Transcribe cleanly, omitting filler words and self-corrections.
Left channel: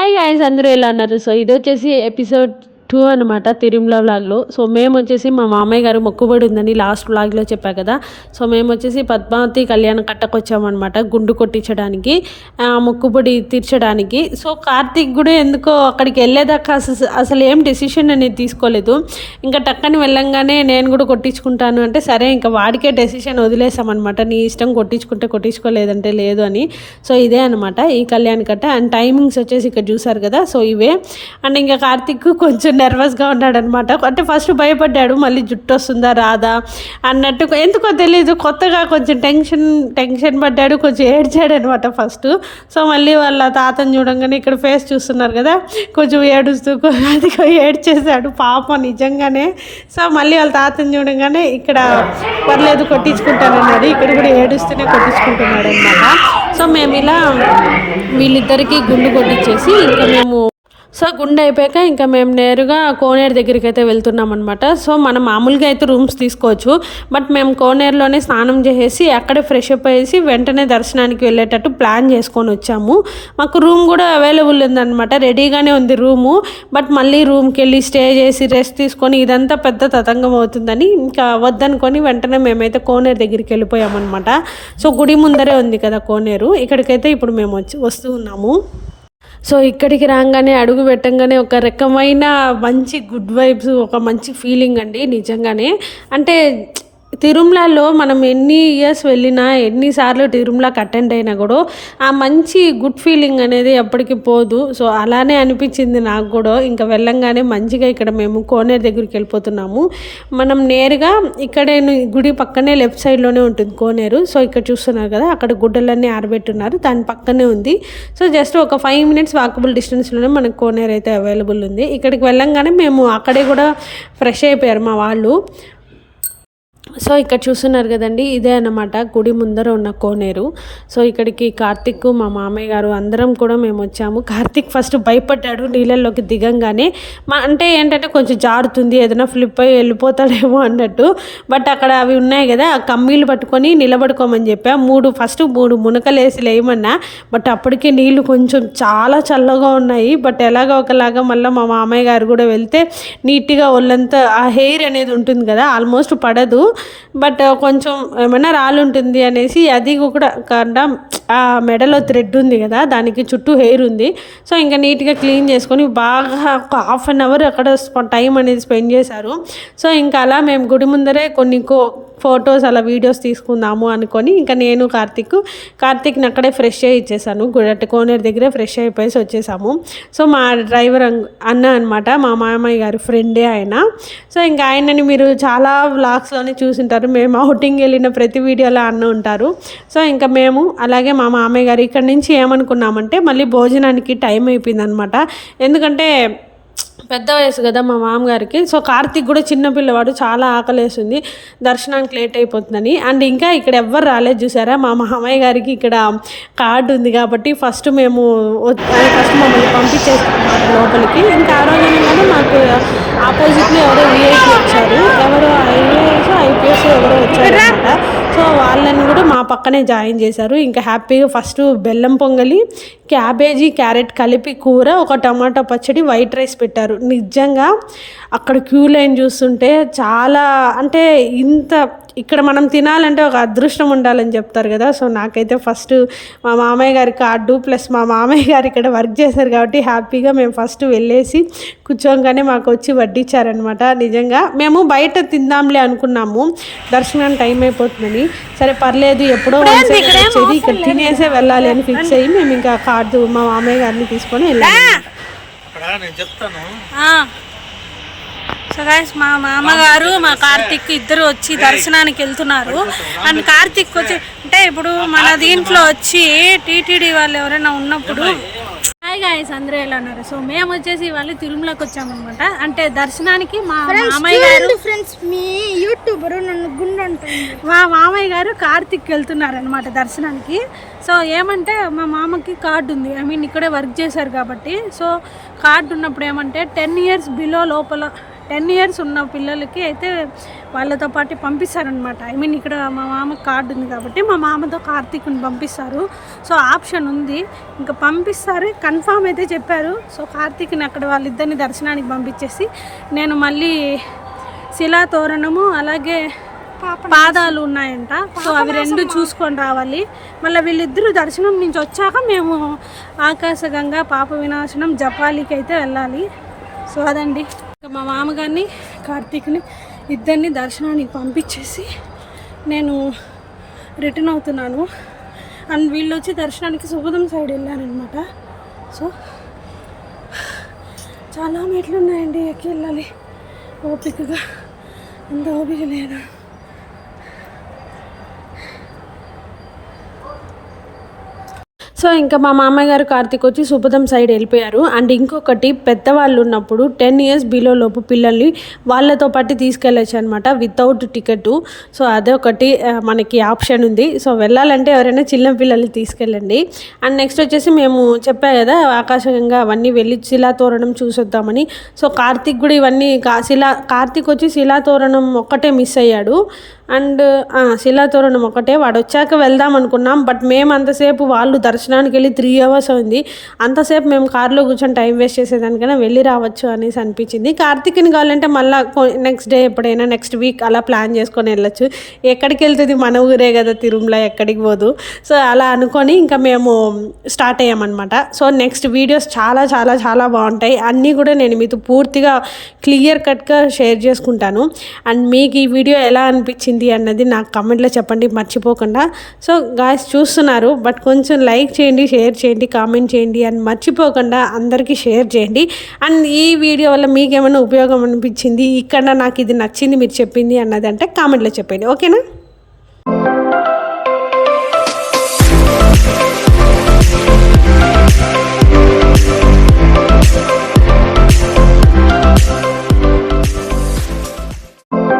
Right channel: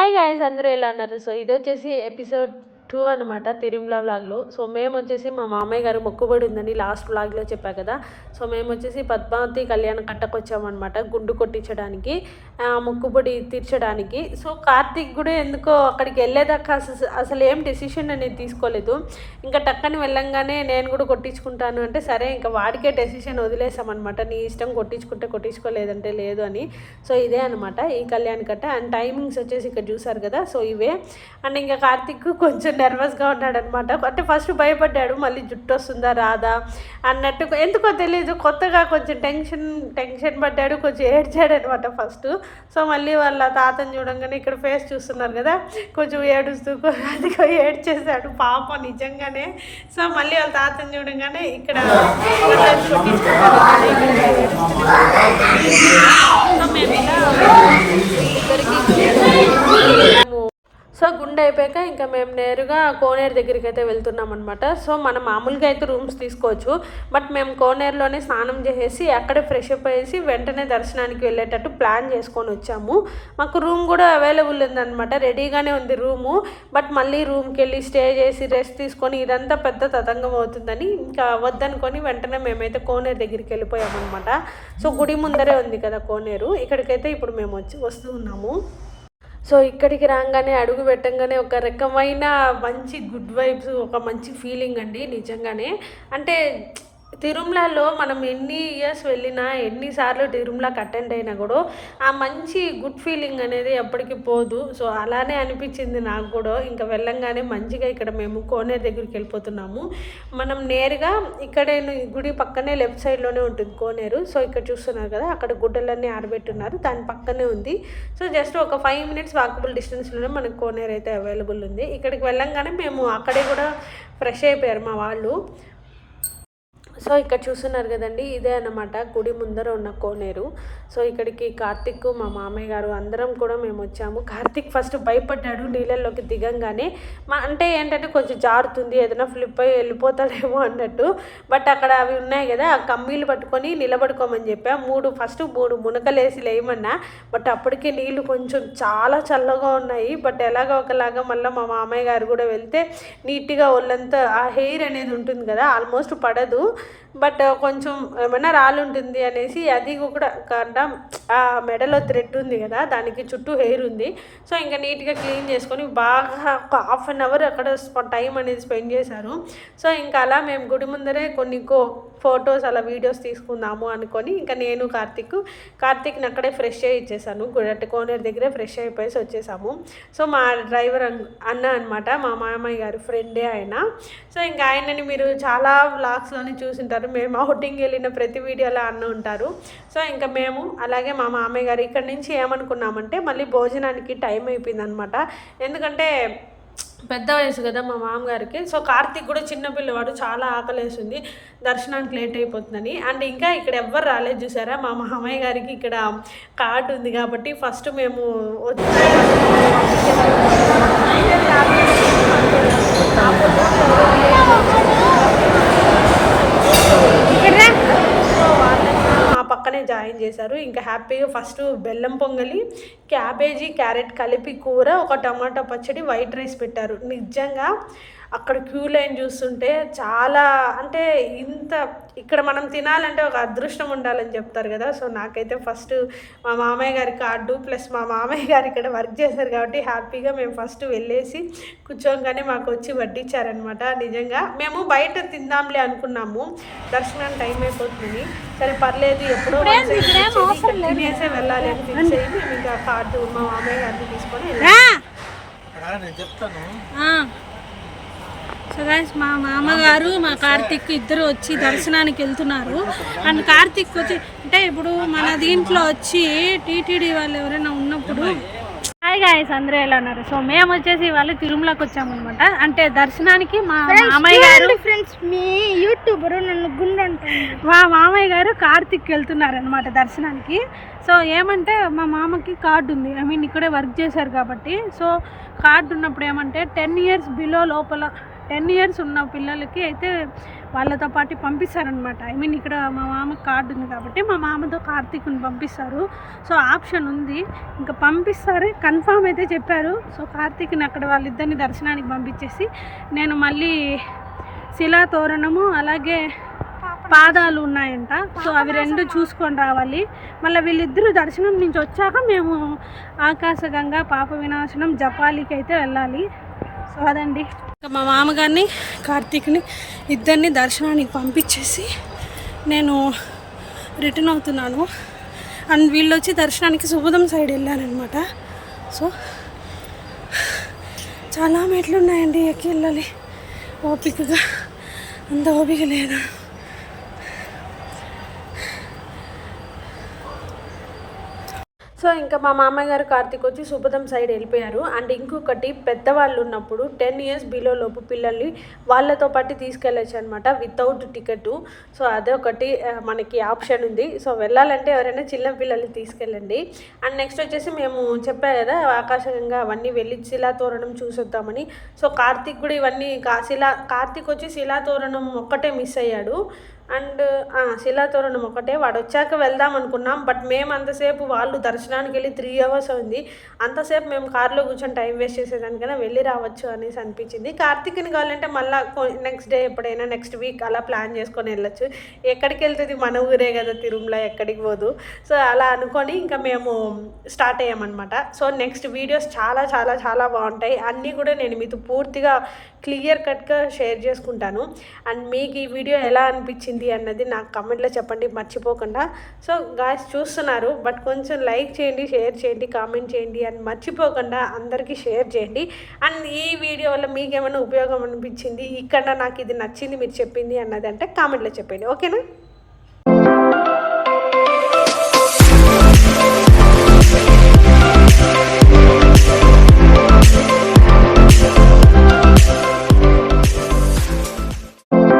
Hi guys అందరూ ఎలా ఉన్నారు? సో ఇది వచ్చేసి ఎపిసోడ్ 2 అనమాట తిరుమల వ్లాగ్లో. సో మేము వచ్చేసి మా మామయ్య గారు మొక్కుబడి ఉందని లాస్ట్ వ్లాగ్లో చెప్పా కదా. సో మేము వచ్చేసి పద్మావతి కళ్యాణం కట్టకొచ్చామన్నమాట గుండు కొట్టించడానికి, మొక్కుబడి తీర్చడానికి. సో కార్తీక్ కూడా ఎందుకో అక్కడికి వెళ్ళేదాకా అసలు ఏం డెసిషన్ అనేది తీసుకోలేదు. ఇంకా టక్కని వెళ్ళంగానే నేను కూడా కొట్టించుకుంటాను అంటే సరే ఇంకా వాడికే డెసిషన్ వదిలేసామన్నమాట. నీ ఇష్టం కొట్టించుకుంటే కొట్టించుకోలేదంటే లేదు అని. సో ఇదే అనమాట ఈ కళ్యాణ కట్ట. అండ్ టైమింగ్స్ వచ్చేసి ఇక్కడ చూసారు కదా. సో ఇవే. అండ్ ఇంకా కార్తీక్ కొంచెం నర్వస్గా ఉన్నాడనమాట. అంటే ఫస్ట్ భయపడ్డాడు, మళ్ళీ జుట్టు వస్తుందా రాదా అన్నట్టు, ఎందుకో తెలీదు కొత్తగా కొంచెం టెన్షన్ పడ్డాడు, కొంచెం ఏడ్చాడు అనమాట ఫస్ట్. సో మళ్ళీ వాళ్ళ తాతను చూడంగానే ఇక్కడ ఫేస్ చూస్తున్నారు కదా, కొంచెం ఏడుస్తూ అది ఏడ్చేసాడు పాపం నిజంగానే. సో మళ్ళీ వాళ్ళ తాతను చూడంగానే ఇక్కడ పర్లేదు కొట్టించుకుంటానన్నాడు, ఇక్కడ కూడా ఏడుస్తూనే కొట్టించుకుంటున్నాడు అనమాట. సో మేము ఇలా వీళ్ళిద్దరికీ గుండు కొట్టించేసి మేము గుండె అయిపోయాక ఇంకా మేము నేరుగా కోనేరు దగ్గరికి అయితే వెళ్తున్నాం అనమాట. సో మనం మామూలుగా అయితే రూమ్స్ తీసుకోవచ్చు, బట్ మేము కోనేరులోనే స్నానం చేసేసి అక్కడే ఫ్రెష్ అప్ అయ్యేసి వెంటనే దర్శనానికి వెళ్ళేటట్టు ప్లాన్ చేసుకొని వచ్చాము. మాకు రూమ్ కూడా అవైలబుల్ ఉందన్నమాట, రెడీగానే ఉంది రూము. బట్ మళ్ళీ రూమ్కి వెళ్ళి స్టే చేసి రెస్ట్ తీసుకొని ఇదంతా పెద్ద తతంగం అవుతుందని ఇంకా వద్దనుకొని వెంటనే మేమైతే కోనేరు దగ్గరికి వెళ్ళిపోయామన్నమాట. సో గుడి ముందరే ఉంది కదా కోనేరు, ఇక్కడికైతే ఇప్పుడు మేము వస్తూ ఉన్నాము. సో ఇక్కడికి రాగానే అడుగు పెట్టంగానే ఒక రకమైన మంచి గుడ్ వైబ్స్, ఒక మంచి ఫీలింగ్ అండి నిజంగానే. అంటే తిరుమలలో మనం ఎన్ని ఇయర్స్ వెళ్ళినా, ఎన్నిసార్లు తిరుమలకి అటెండ్ అయినా కూడా ఆ మంచి గుడ్ ఫీలింగ్ అనేది ఎప్పటికీ పోదు. సో అలానే అనిపించింది నాకు కూడా. ఇంకా వెళ్ళంగానే మంచిగా ఇక్కడ మేము కోనేరు దగ్గరికి వెళ్ళిపోతున్నాము. మనం నేరుగా ఇక్కడే గుడి పక్కనే లెఫ్ట్ సైడ్లోనే ఉంటుంది కోనేరు. సో ఇక్కడ చూస్తున్నారు కదా, అక్కడ గుడ్డలన్నీ ఆరబెట్టున్నారు, దాని పక్కనే ఉంది. సో జస్ట్ ఒక 5 minutes వాకబుల్ డిస్టెన్స్లోనే మనకు కోనేరు అయితే అవైలబుల్ ఉంది. ఇక్కడికి వెళ్ళంగానే మేము అక్కడే కూడా ఫ్రెష్ అయిపోయారు మా వాళ్ళు. సో ఇక్కడ చూస్తున్నారు కదండి, ఇదే అన్నమాట గుడి ముందర ఉన్న కోనేరు. సో ఇక్కడికి కార్తీక్, మా మామయ్య గారు అందరం కూడా మేము వచ్చాము. కార్తీక్ ఫస్ట్ భయపడ్డాడు నీళ్ళల్లోకి దిగంగానే. అంటే ఏంటంటే కొంచెం జారుతుంది, ఏదైనా ఫ్లిప్ అయ్యి వెళ్ళిపోతాడేమో అన్నట్టు. బట్ అక్కడ అవి ఉన్నాయి కదా, ఆ కమ్మీలు పట్టుకొని నిలబడుకోమని చెప్పా. 3 మునకలు వేసి లేయమన్నా. బట్ అప్పటికే నీళ్ళు కొంచెం చాలా చల్లగా ఉన్నాయి. బట్ ఎలాగో ఒకలాగా మళ్ళీ మా మామయ్య గారు కూడా వెళ్తే నీట్గా ఒళ్ళంతా ఆ హెయిర్ అనేది ఉంటుంది కదా, ఆల్మోస్ట్ పడదు. బట్ కొంచెం ఏమైనా రాళ్ళు ఉంటుంది అనేసి అది కూడా కారణం ఆ మెడలో థ్రెడ్ ఉంది కదా, దానికి చుట్టూ హెయిర్ ఉంది. సో ఇంకా నీట్గా క్లీన్ చేసుకొని బాగా ఒక 1/2 hour అక్కడ టైం అనేది స్పెండ్ చేశారు. సో ఇంకా అలా మేము గుడి ముందరే కొన్ని ఫొటోస్ అలా వీడియోస్ తీసుకుందాము అనుకొని ఇంకా నేను కార్తీక్ని అక్కడే ఫ్రెష్ అయ్యి ఇచ్చేసాను. గుడి కోనేరు దగ్గరే ఫ్రెష్ అయిపోయేసి వచ్చేసాము. సో మా డ్రైవర్ అన్న అనమాట, మా మామయ్య గారి ఫ్రెండే ఆయన. సో ఇంకా ఆయనని మీరు చాలా వ్లాగ్స్లోనే చూసింటారు, మేము అవుటింగ్ వెళ్ళిన ప్రతి వీడియోలో అన్న ఉంటారు. సో ఇంకా మేము అలాగే మా మామయ్య గారు ఇక్కడి నుంచి ఏమనుకున్నామంటే మళ్ళీ భోజనానికి టైం అయిపోయింది అనమాట. ఎందుకంటే పెద్ద వయసు కదా మా మామగారికి. సో కార్తీక్ కూడా చిన్నపిల్లవాడు, చాలా ఆకలేస్తుంది, దర్శనానికి లేట్ అయిపోతుందని. అండ్ ఇంకా ఇక్కడ ఎవ్వరు రాలేదు చూసారా, మా మామయ్య గారికి ఇక్కడ కార్డు ఉంది కాబట్టి ఫస్ట్ మేము పంపించేస్తాం లోపలికి. ఇంకా నాకు ఆపోజిట్లో సో వాళ్ళని కూడా మా పక్కనే జాయిన్ చేశారు. ఇంకా హ్యాపీగా ఫస్ట్ బెల్లం పొంగలి, క్యాబేజీ, క్యారెట్ కలిపి కూర, ఒక టమాటా పచ్చడి, వైట్ రైస్ పెట్టారు. నిజంగా అక్కడ క్యూ లైన్ చూస్తుంటే చాలా, అంటే ఇంత ఇక్కడ మనం తినాలంటే ఒక అదృష్టం ఉండాలని చెప్తారు కదా. సో నాకైతే ఫస్ట్ మా మామయ్య గారి కార్డు ప్లస్ మా మామయ్య గారు ఇక్కడ వర్క్ చేశారు కాబట్టి హ్యాపీగా మేము ఫస్ట్ వెళ్ళేసి కూర్చోగానే మాకు వచ్చి వడ్డించారనమాట. నిజంగా మేము బయట తిందాంలే అనుకున్నాము, దర్శనానికి టైం అయిపోతుందని. సరే పర్లేదు ఎప్పుడో వచ్చేది, ఇక్కడ తినేసే వెళ్ళాలి అని ఫిక్స్ అయ్యి మేము ఇంకా కార్డు మా మామయ్య గారిని తీసుకొని వెళ్ళాము. సో గైస్ మా మామగారు మా కార్తీక్ ఇద్దరు వచ్చి దర్శనానికి వెళ్తున్నారు. అండ్ కార్తీక్ వచ్చి అంటే ఇప్పుడు మన దీంట్లో వచ్చి టీటీడీ వాళ్ళు ఎవరైనా ఉన్నప్పుడు హాయ్ గాయస్ అందరూ ఎలా ఉన్నారు? సో మేము వచ్చేసి వాళ్ళు తిరుమలకి వచ్చామన్నమాట. అంటే దర్శనానికి మా మామయ్య గారు మా మామయ్య గారు కార్తీక్ వెళ్తున్నారు అనమాట దర్శనానికి. సో ఏమంటే మా మామకి కార్డు ఉంది, ఐ మీన్ ఇక్కడే వర్క్ చేశారు కాబట్టి. సో కార్డు ఉన్నప్పుడు ఏమంటే 10 years బిలో లోపల 10 years ఉన్న పిల్లలకి అయితే వాళ్ళతో పాటు పంపిస్తారనమాట. ఐ మీన్ ఇక్కడ మా మామ కార్డు ఉంది కాబట్టి మా మామతో కార్తీక్ని పంపిస్తారు. సో ఆప్షన్ ఉంది, ఇంకా పంపిస్తారు, కన్ఫామ్ అయితే చెప్పారు. సో కార్తీక్ని అక్కడ వాళ్ళిద్దరిని దర్శనానికి పంపించేసి నేను మళ్ళీ శిలా తోరణము అలాగే పాదాలు ఉన్నాయంట, సో అవి రెండు చూసుకొని రావాలి. మళ్ళీ వీళ్ళిద్దరూ దర్శనం నుంచి వచ్చాక మేము ఆకాశగంగా పాప వినాశనం జపాలికి అయితే వెళ్ళాలి. సో అదండి, మా మామగారిని కార్తీక్ని ఇద్దరిని దర్శనానికి పంపించేసి నేను రిటర్న్ అవుతున్నాను. అండ్ వీళ్ళు వచ్చి దర్శనానికి సుబుదం సైడ్ వెళ్ళారనమాట. సో చాలా మెట్లు ఉన్నాయండి, ఎక్కి వెళ్ళాలి ఓపికగా, అంత ఓపిక లేదా. సో ఇంకా మా మామయ్య గారు కార్తీక్ వచ్చి సుబుదం సైడ్ వెళ్ళిపోయారు. అండ్ ఇంకొకటి, పెద్దవాళ్ళు ఉన్నప్పుడు 10 years బిలో లోపు పిల్లల్ని వాళ్ళతో పాటు తీసుకెళ్ళచ్చు అనమాట వితౌట్ టికెట్. సో అదొకటి మనకి ఆప్షన్ ఉంది. సో వెళ్ళాలంటే ఎవరైనా చిన్న పిల్లల్ని తీసుకెళ్ళండి. అండ్ నెక్స్ట్ వచ్చేసి మేము చెప్పా కదా ఆకాశంగా అవన్నీ వెళ్ళి శిలాతోరణం చూసొద్దామని. సో కార్తీక్ కూడా ఇవన్నీ కార్తీక్ వచ్చి శిలాతోరణం ఒక్కటే మిస్ అయ్యాడు. అండ్ శిలాతోరణం ఒకటే, వాడు వచ్చాక వెళ్దాం అనుకున్నాం. బట్ మేము అంతసేపు వాళ్ళు దర్శనానికి వెళ్ళి 3 hours అయింది. అంతసేపు మేము కార్లో కూర్చొని టైం వేస్ట్ చేసేదానికైనా వెళ్ళి రావచ్చు అనేసి అనిపించింది. కార్తీక్ని కావాలంటే మళ్ళీ నెక్స్ట్ డే ఎప్పుడైనా నెక్స్ట్ వీక్ అలా ప్లాన్ చేసుకొని వెళ్ళచ్చు. ఎక్కడికి వెళ్తుంది, మన ఊరే కదా తిరుమల, ఎక్కడికి పోదు. సో అలా అనుకొని ఇంకా మేము స్టార్ట్ అయ్యామన్నమాట. సో నెక్స్ట్ వీడియోస్ చాలా చాలా చాలా బాగుంటాయి. అన్నీ కూడా నేను మీతో పూర్తిగా క్లియర్ కట్గా షేర్ చేసుకుంటాను. అండ్ మీకు ఈ వీడియో ఎలా అనిపించింది అన్నది నాకు కమెంట్లో చెప్పండి మర్చిపోకుండా. సో గాయ్స్ చూస్తున్నారు, బట్ కొంచెం లైక్ చేయండి, షేర్ చేయండి, కామెంట్ చేయండి అండ్ మర్చిపోకుండా అందరికీ షేర్ చేయండి. అండ్ ఈ వీడియో వల్ల మీకు ఏమైనా ఉపయోగం అనిపించింది, ఇక్కడ నాకు ఇది నచ్చింది మీరు చెప్పింది అన్నది అంటే కామెంట్లో చెప్పండి. ఓకేనా?